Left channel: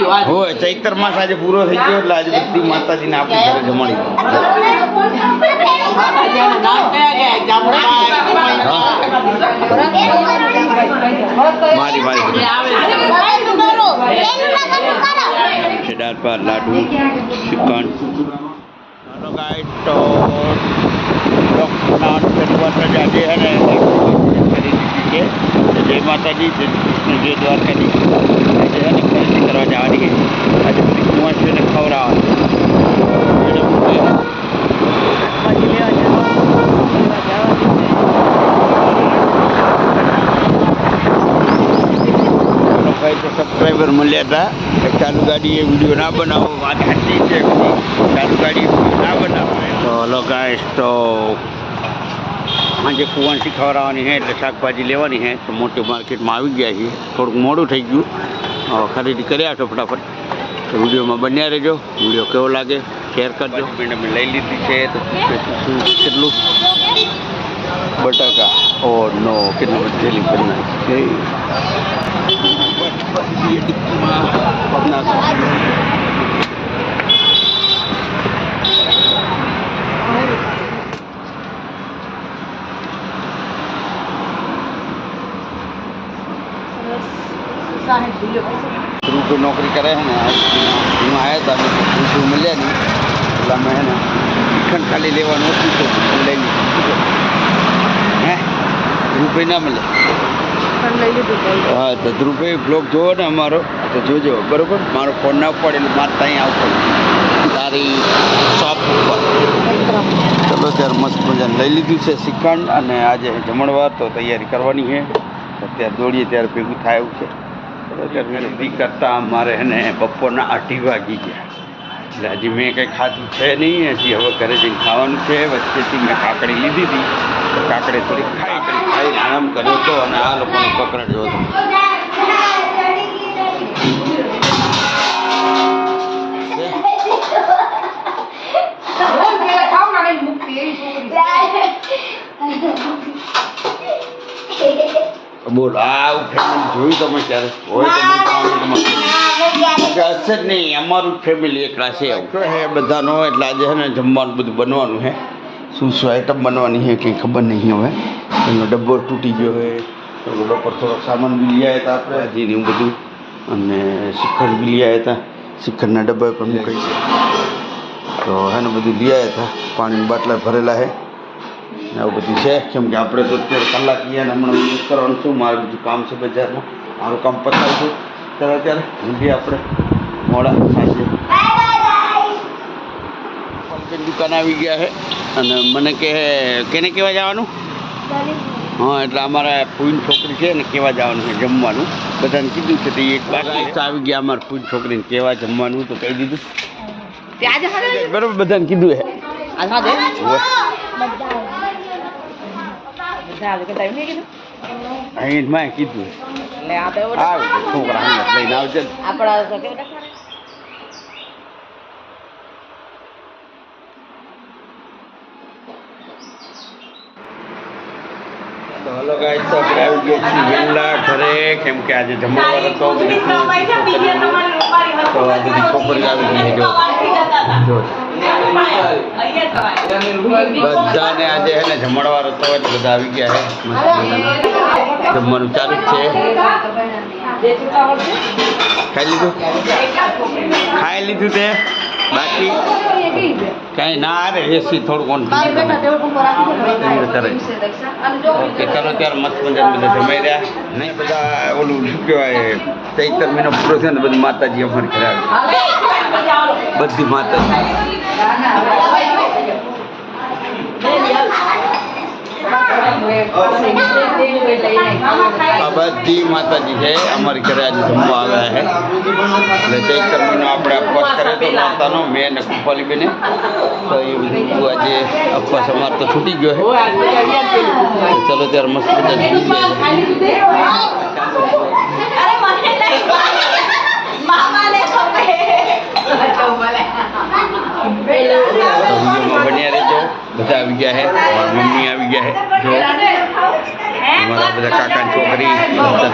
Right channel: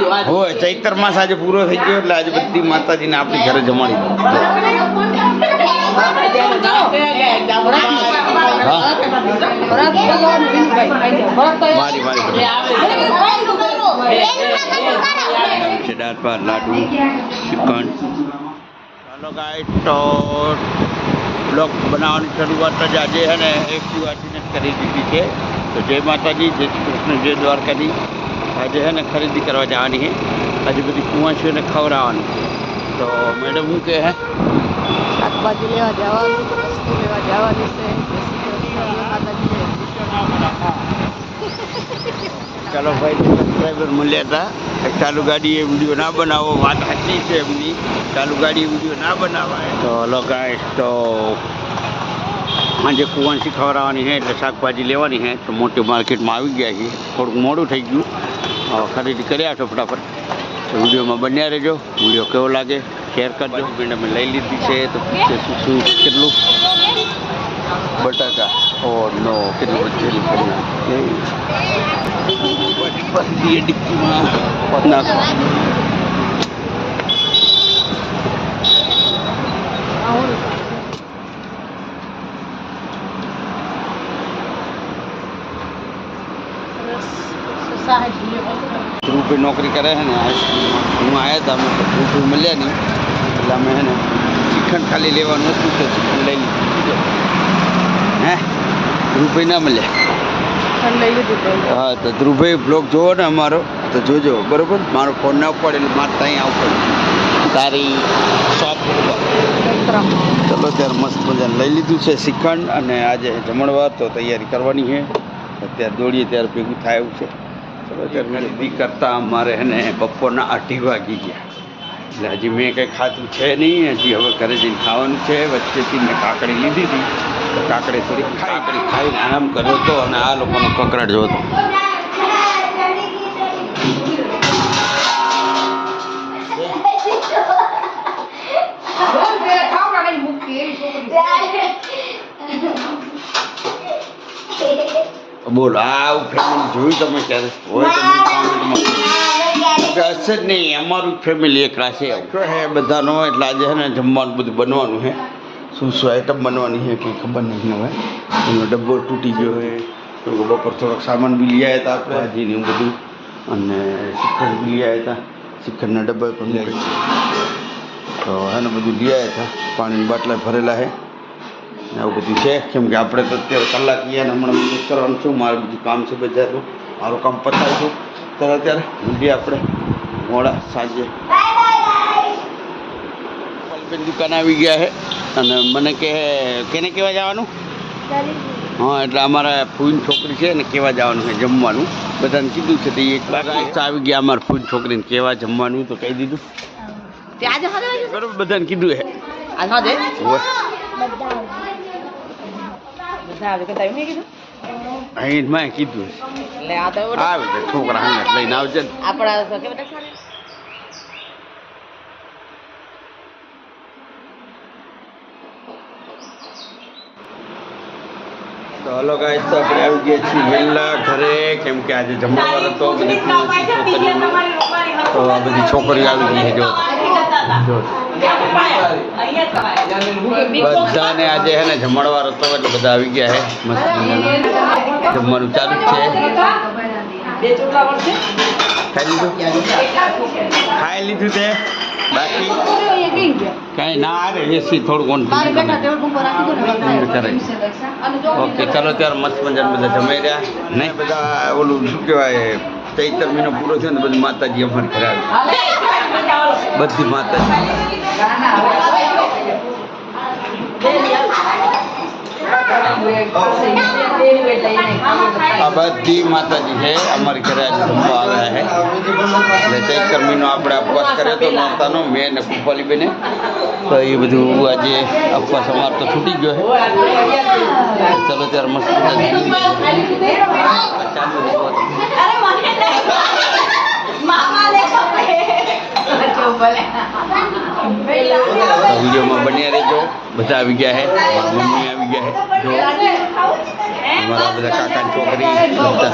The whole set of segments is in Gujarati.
હોય ચૈત્ર માસ આજે પૂરો થઈ ગયો એટલે આજે બધી માતાજીને આપણી ઘરે જમાડી મારી દાળ ભાત લાડુ શ્રીખંડ. ચાલો ગાઈસ તો બ્લોગ બનાવવાની શરૂઆત જ આજે છે ને એક દિવસ કરી દીધી છે. જય માતાજી, જય કૃષ્ણ, જય દ્વારકાજી. આજે છે ને ખરીદી કરવા જવાની છે. આજે બધી કુંવાસીઓને ખવડાવવાની. તો મેડમ કહે છે શાકભાજી લેવા જવાનું ભાઈ સબસ્ક્રાઈબર મળ્યા હતા. ચાલુ ગાડી એ વિડીયો ના બનાવો, વાત સાચી છે એમની. ચાલુ ગાડી વિડીયો ના બનાવાય. તો હલો ગાઈસ, તો આજે કુંવાસી ખવડાવવાની છે એટલે શાકભાજી લેવાની છે. તો મોટી માર્કેટમાં આવી ગયા છીએ. થોડુંક મોડું થઈ ગયું, હવે ખરીદી કરી આવશો ફટાફટ. તો વિડીયોમાં બન્યા રહેજો. વિડીયો કેવો લાગે શેર કરજો. મેડમે લઈ લીધી છે. તો શું કેટલું બટાકા, ઓ નો કેટલું બધેલી કરી નાખી. રૂપે નોકરી કરે છે ને, હું આવ્યા હતા અમે તો રૂપે મળ્યા નહીં એટલે અમે છે ને શ્રીખંડ ખાલી લેવાનું હતું તો શ્રીખંડ લઈ લીધું. હે રૂપે ના મળ્યા. હા તો ધ્રુવભાઈ બ્લોગ જોવો ને અમારો તો જોજો બરાબર. મારો ફોન ના પડે એટલે મારે ત્યાં આવવું પડે તારી શોપ ઉપર. ચલો ત્યારે મસ્ત મજાને લઈ લીધું છે શ્રીખંડ. અને આજે જમણવાર તો તૈયારી કરવાની છે. અત્યારે દોડીએ ત્યારે ભેગું થાય એવું છે. ચલો ત્યારે બી કરતાં મારે એને બપોરના 8 વાગી ગયા એટલે હજી મેં કંઈ ખાધું છે નહીં. હજી હવે ઘરે જઈને ખાવાનું છે. વચ્ચેથી મેં કાકડી લીધી હતી તો કાકડી થોડી કાકડી ખાઈને આરામ કર્યો હતો. અને આ લોકોનો પકડ જો હતો. બોલો આવું ફેમિલી જોયું તમે ક્યારે હોય તો મને કોમેન્ટમાં હશે જ નહીં. અમારું ફેમિલી એકલા છે હે બધાનો. એટલે આજે છે ને જમવાનું બધું બનવાનું છે. શું શું આઈટમ બનવાની છે કંઈ ખબર નહીં. હવે એનો ડબ્બો તૂટી ગયો હોય તો બપોર થોડોક સામાન બી લઈ આવ્યા હતા આપણે હજી એવું બધું. અને શ્રીખંડ બી લઈ આવ્યા હતા. શ્રીખંડના ડબ્બા પણ મૂકાય છે. તો એને બધું લઈ આવ્યા હતા. પાણીની બાટલા ભરેલા છે ને આવું બધું છે. કેમ કે આપણે તો અત્યારે કલાક ગયા ને હમણાં યુઝ કરવાનું છું. મારે બધું કામ છે બજારમાં. મારું કામ પતાવીશું ત્યારે અત્યારે મૂકીએ આપણે મોડા સાંજે. દુકાન આવી ગયા છે અને મને કહે કેને કહેવા જવાનું? હા એટલે અમારા ફૂઈની છોકરી છે ને કહેવા જવાનું છે જમવાનું. બધાને કીધું છે તો એક વાર આવી ગયા અમારા ફૂઈની છોકરીને કહેવા જમવાનું તો કહી દીધું બરાબર. બધાને કીધું છે અહીં મેં કીધું આવે છે છોકરા હંગત લઈને આવજે. તો હલો ગાઈસ, તો આપણે આવી ગયા છીએ વહેલા ઘરે. કેમ કે આજે જમણવાર હતો બધી છોકરીઓ. તો આ બધી છોકરીઓ આવી ગઈ છે. જો બધાને આજે છે ને જમણવાર હતો એટલે બધા આવી ગયા છે. જમવાનું ચાલુ જ છે. ખાઈ લીધું તે બાકી કાંઈ ના રે એસી થોડુંક ઓન કરે. ઓકે ચાલો ત્યારે મસ્ત મજાને બધા જમાઈ રહ્યા ને. બધા ઓલું શું કહેવાય ચૈત્ર મહિનો પૂરો થયો ને બધી માતાજી અમારી ઘરે આવી. બધી માતાજી આ બધી માતાજી છે અમારી ઘરે આજે જમવા આવ્યા છે. એટલે ચૈત્ર મહિનો આપણે ઉપવાસ કર્યો તો માતાનો મેં ને કુપાલી બેને. તો એ બધું આજે ઉપવાસ અમારે તો છૂટી ગયો છે. ચલો ત્યારે મસ્ત વિડીયોમાં બન્યા રહેજો. બધા આવી ગયા છે. મારા મમ્મી આવી ગયા છે. જો અમારા બધા કાકાની છોકરી બધા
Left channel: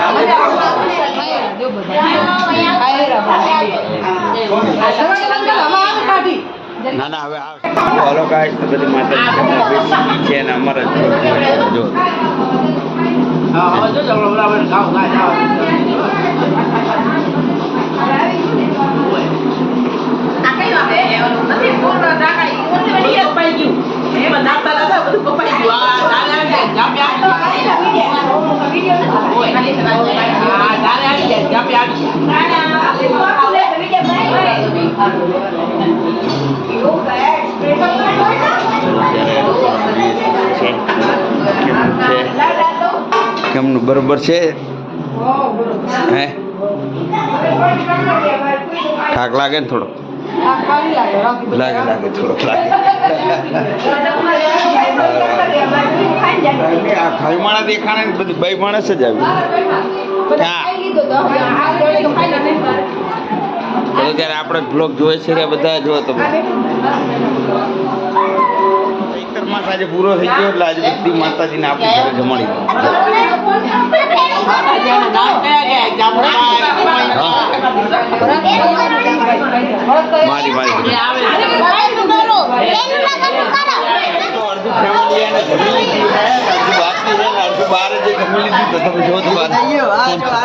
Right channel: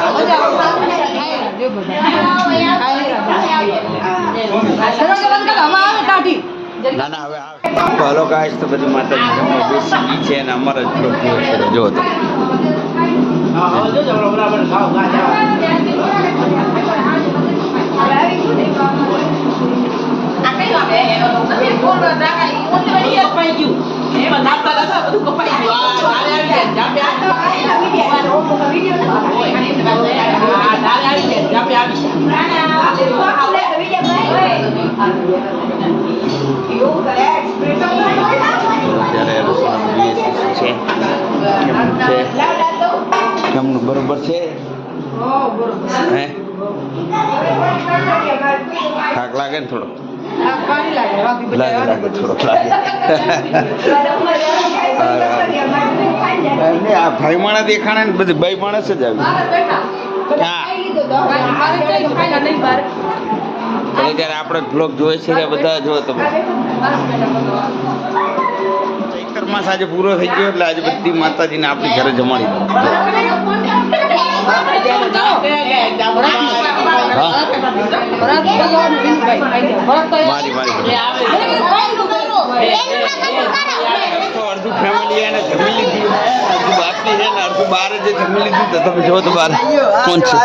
ના ના હવે હાલો ગાઈસ તો બધી માતાજી જમવા બેસી છે અને અમારા જ બ્લોગ જોવે છે જો તો કેમનું બરોબર છે હે થાક લાગે ને થોડો લાગે થોડોક લાગે આ ભાઈ માણસ દેખાણે ને બધી ભાઈ માણસ જ આવી હા ચલો ત્યારે આપણે બ્લોગ જોઈએ છે બધા જો તમે ચૈત્ર માસ આજે પૂરો થઈ ગયો એટલે આજે બધી માતાજીને આપણી ઘરે જમાડી મારી અડધું ફેમિલી એને જમી લીધી હે અડધું બાકી છે ને અડધું બાર જે જમી લીધું તો તમે જો તો બાર કોણ છે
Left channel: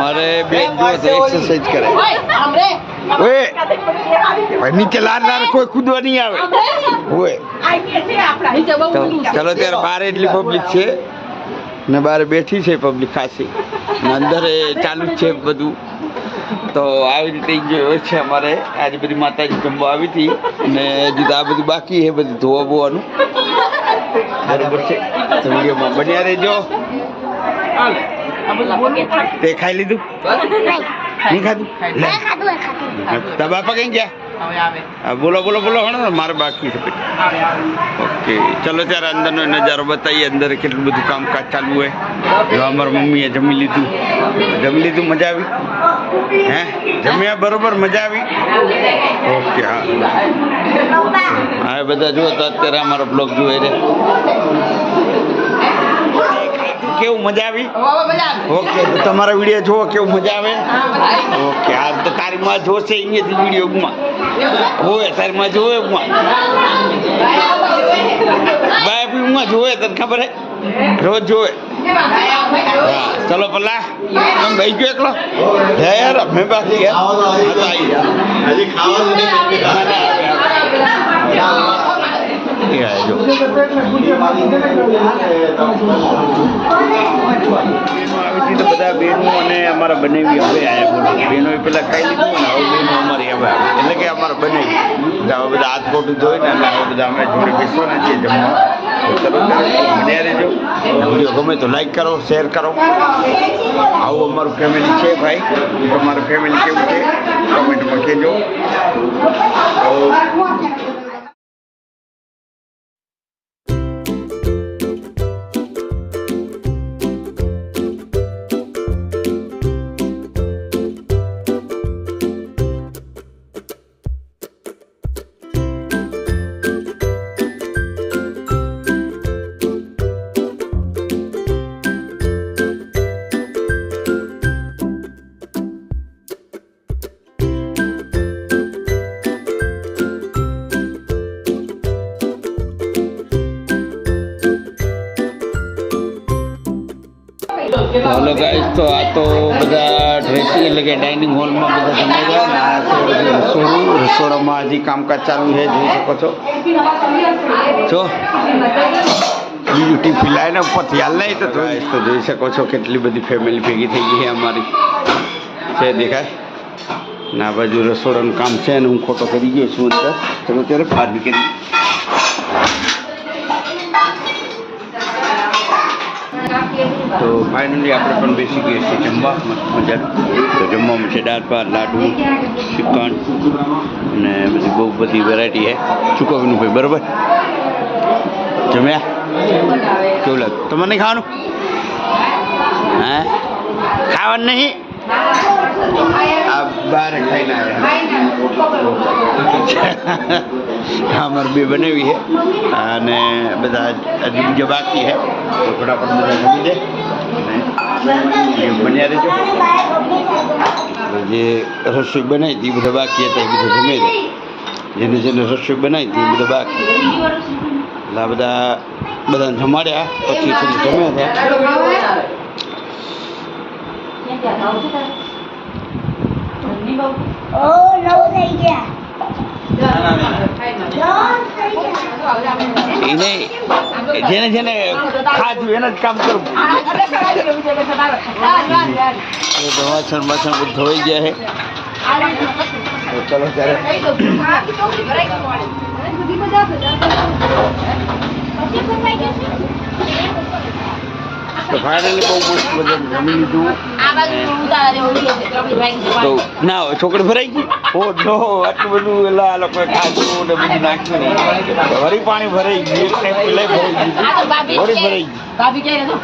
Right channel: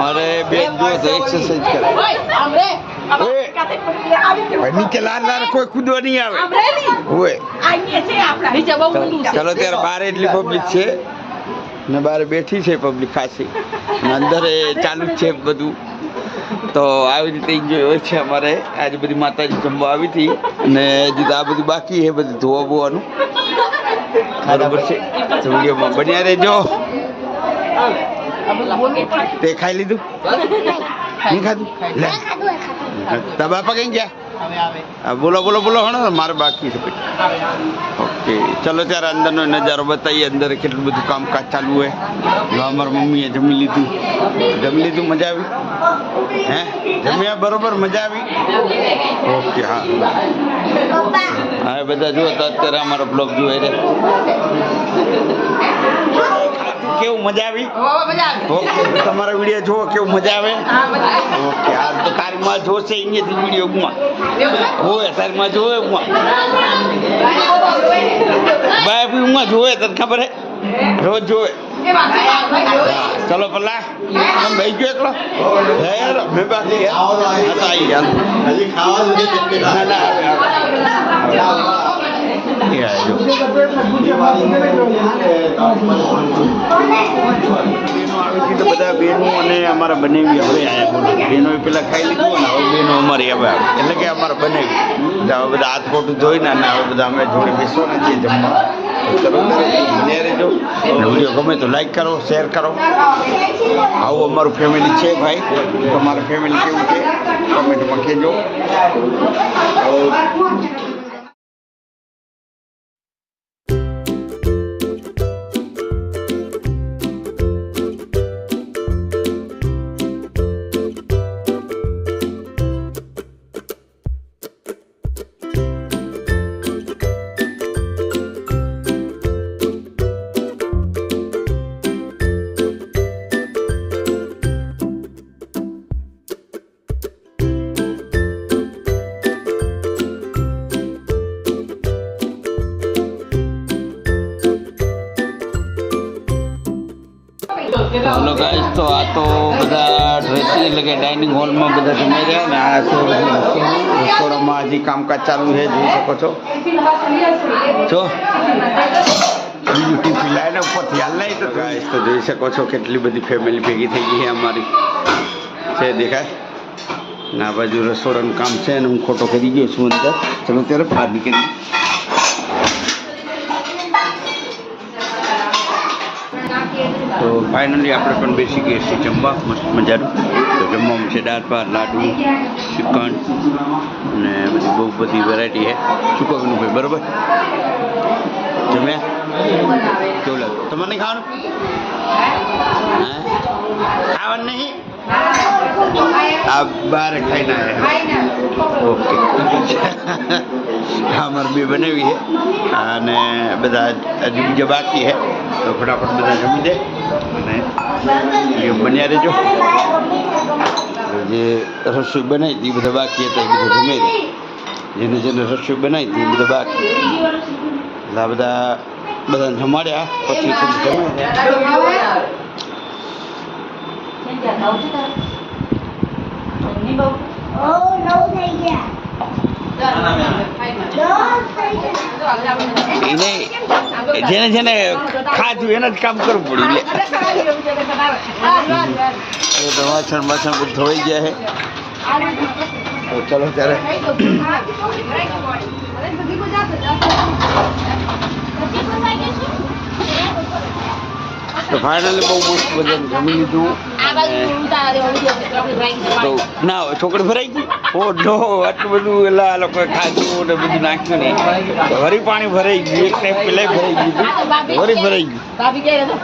અરે બેન જો તો એક્સરસાઇઝ કરે નીચે લાર કોઈ કૂદવા નહીં આવે હોય ચાલો ત્યારે બહાર એટલી પબ્લિક છે ને બહાર બેઠી છે પબ્લિક ખાસી અંદર ચાલુ જ છે બધું તો આવી રીતે હોય છે અમારે આજે બધી માતાજી જમવા આવી હતી ને હજી તો આ બધું બાકી છે બધું ધોવા બોવાનું બરોબર છે વિડીયોમાં બન્યા રહેજો તે ખાઈ લીધું નહીં ખાધું લે તારા બાપા કઈ ગયા બોલો હણો મારે બાકી છે ઓકે ચલો ત્યારે અંદરનો નજારો બતાવીએ અંદર કેટલું બધું કામકાજ ચાલુ હોય જો અમારા મમ્મીએ જમી લીધું મજા આવી હે જમ્યા બરોબર મજા આવી ઓકે હા બધા જુઓ તો અત્યારે અમારો બ્લોગ જોઈ રે કેવું મજા આવી ઓકે તો તમારા વિડીયો જોવો કેવું મજા આવે ઓકે હા તો તારી માં જોશે અહીંયાથી વિડીયો હોય તારી માં જોવે બાય બી જોવે તને ખબર હે રોજ જોવે હા ચલો પલ્લા તમે ભાઈ ગયો એકલો હે યાર મેં બાકી ગયા હા તો આવી તો બધા બહેનો અને અમારા બનાવી હવે આવ્યા બોલો બહેનો પેલા ખાઈ લીધું ને હવે બહેનો અમારી હવે આવે એટલે કે અમારા બનાવી હવે બધા હાથ ખોટું જોઈને અને હવે બધા અમે જોડે બેસવાના છીએ જમવા ચલો બન્યા રહેજો વિડીયો ગમે તો લાઈક કરો શેર કરો આવું અમારું ફેમિલી છે ભાઈ તમારું ફેમિલી કેવું છે કોમેન્ટમાં કહેજો हेलो गाइस तो आ तो बधा ड्रेसिंग એટલે કે ડાઇનિંગ હોલમાં બધા જમાઈ ગયા ને આ છે બધું રસોડામાં હજી કામકાજ ચાલુ છે જોઈ શકો છો જો બીજું ટીફી લાઈને ઉપરથી હાલ નહીં તો ગાઈસ તો જોઈ શકો છો કેટલી બધી ફેમિલી ભેગી થઈ ગઈ છે અમારી છે દેખાય ના બાજુ રસોડાનું કામ છે ને હું ખોટો કરી ગયો છું અંદર ચલો ત્યારે બહાર નીકળી તો ફાઇનલી આપણે પણ બેસી ગયા છીએ જમવા મસ્ત મજાનું તો જમવામાં છે દાળ ભાત લાડુ ચિકન અને બહુ બધી વેરાયટી છે શું કહું ભાઈ બરાબર જમ્યા કેવું લાગે તમારે નહીં ખાવાનું હે ખાવાનું નહીં આ બહાર ખાઈને આવ્યા અમારે બે બનાવી છે અને બધા હજુ બીજા બાકી છે તો ફટાફટ બધા જમી દે અને એ બન્યા રહેજો. જે રસોઈ બનાવી હતી એ બધા બાકી હતા એ બધા જમી દે. જેને રસોઈ બનાવી હતી એ બધા બાકી એટલે આ બધાને જમાડ્યા પછી થોડું જમ્યા એને જેને ખાધું એને જ કામ કરવું પડે. વાસણ બધું ધોઈ ગયા છે તો ચલો ત્યારે તો ફાઇનલી બહુ મસ્ત બધા જમી લીધું. તો ના છોકરી ભરાઈ ગઈ ઓ નો આટલું બધું એટલે આ લોકોએ ખાધું ને બધું નાખ્યું ને વરી પાણી ભરાઈ ગયું એટલે પેલા ભરાઈ ગયું વરી ભરાઈ ગયું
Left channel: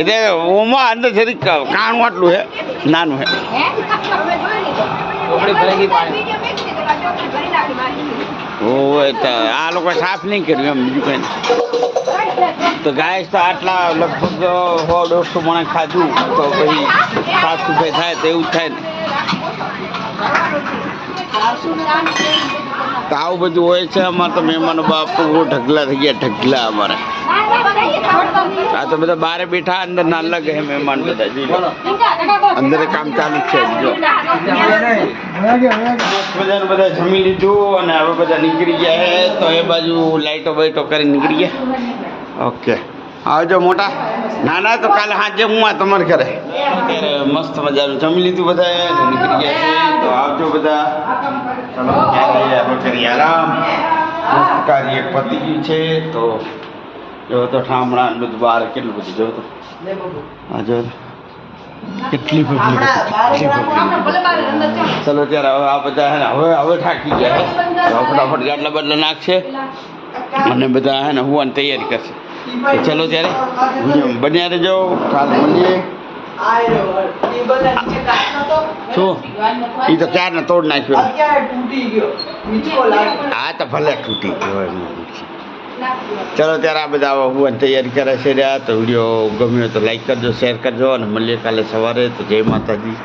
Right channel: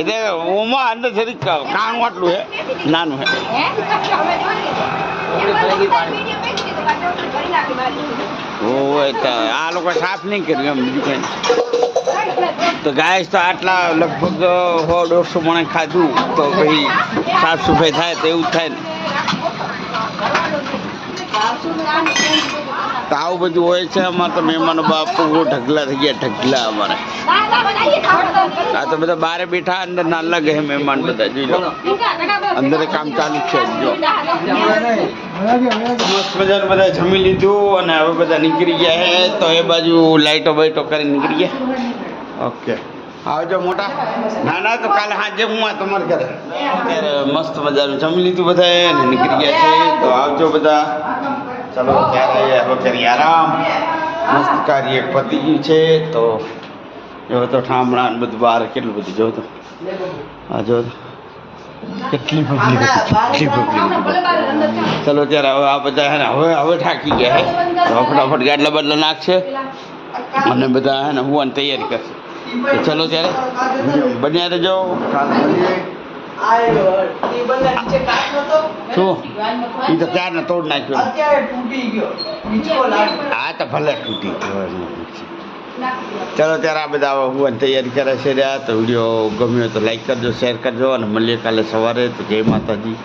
એટલે ઓમાં અંદર જરીક કાણું આટલું છે નાનું છે. આ લોકો સાફ નહીં કર્યું એમ બીજું કઈ તો ગાય તો આટલા લગભગ 100-150 મણે ખાધું તો પછી સાફ સફાઈ થાય તો એવું જ થાય ને. તો આવું બધું હોય છે અમારે તો મહેમાનો બાપ તો બહુ ઢગલા થઈ ગયા ઢગલા અમારે. આ તો બધા બારે બેઠા અંદર ના લાગે છે મહેમાન બધા જોઈ અંદર કામ ચાલુ છે જો મજાનું બધા જમી લીધું અને હવે બધા નીકળી ગયા છે તો એ બાજુ લાઈટો બાઈટો કરી નીકળી ગયા. ઓકે આવજો મોટા. ના ના તો કાલે સાંજે હું આ તમારે ઘરે અત્યારે મસ્ત મજાનું જમી લીધું બધાએ અને નીકળી ગયા છે તો આવજો બધા. ચલો ત્યારે હવે કરી આરામ. મસ્ત કાર્ય પતી ગયું છે તો જો તો ઠામણા બધું બહાર કેટલું બધું જો તો હા જો કેટલી પબ્લિક હતી. ચલો ત્યારે હવે આ બધા હે ને હવે થાકી ગયા છે હવે ફટાફટ ગાડલા બદલા નાખશે અને બધા હે ને હોવાની તૈયારી કરશે. તો ચલો ત્યારે બન્યા રહેજો કાલે મળીએ. શું એ તો ક્યારને તોડ નાખ્યો. હા તો ભલે તૂટી ગયો. ચલો ત્યારે આ બધા હોવાની તૈયારી કરે છે રહ્યા તો વિડીયો ગમ્યો તો લાઈક કરજો શેર કરજો અને મળીએ કાલે સવારે. તો જય માતાજી.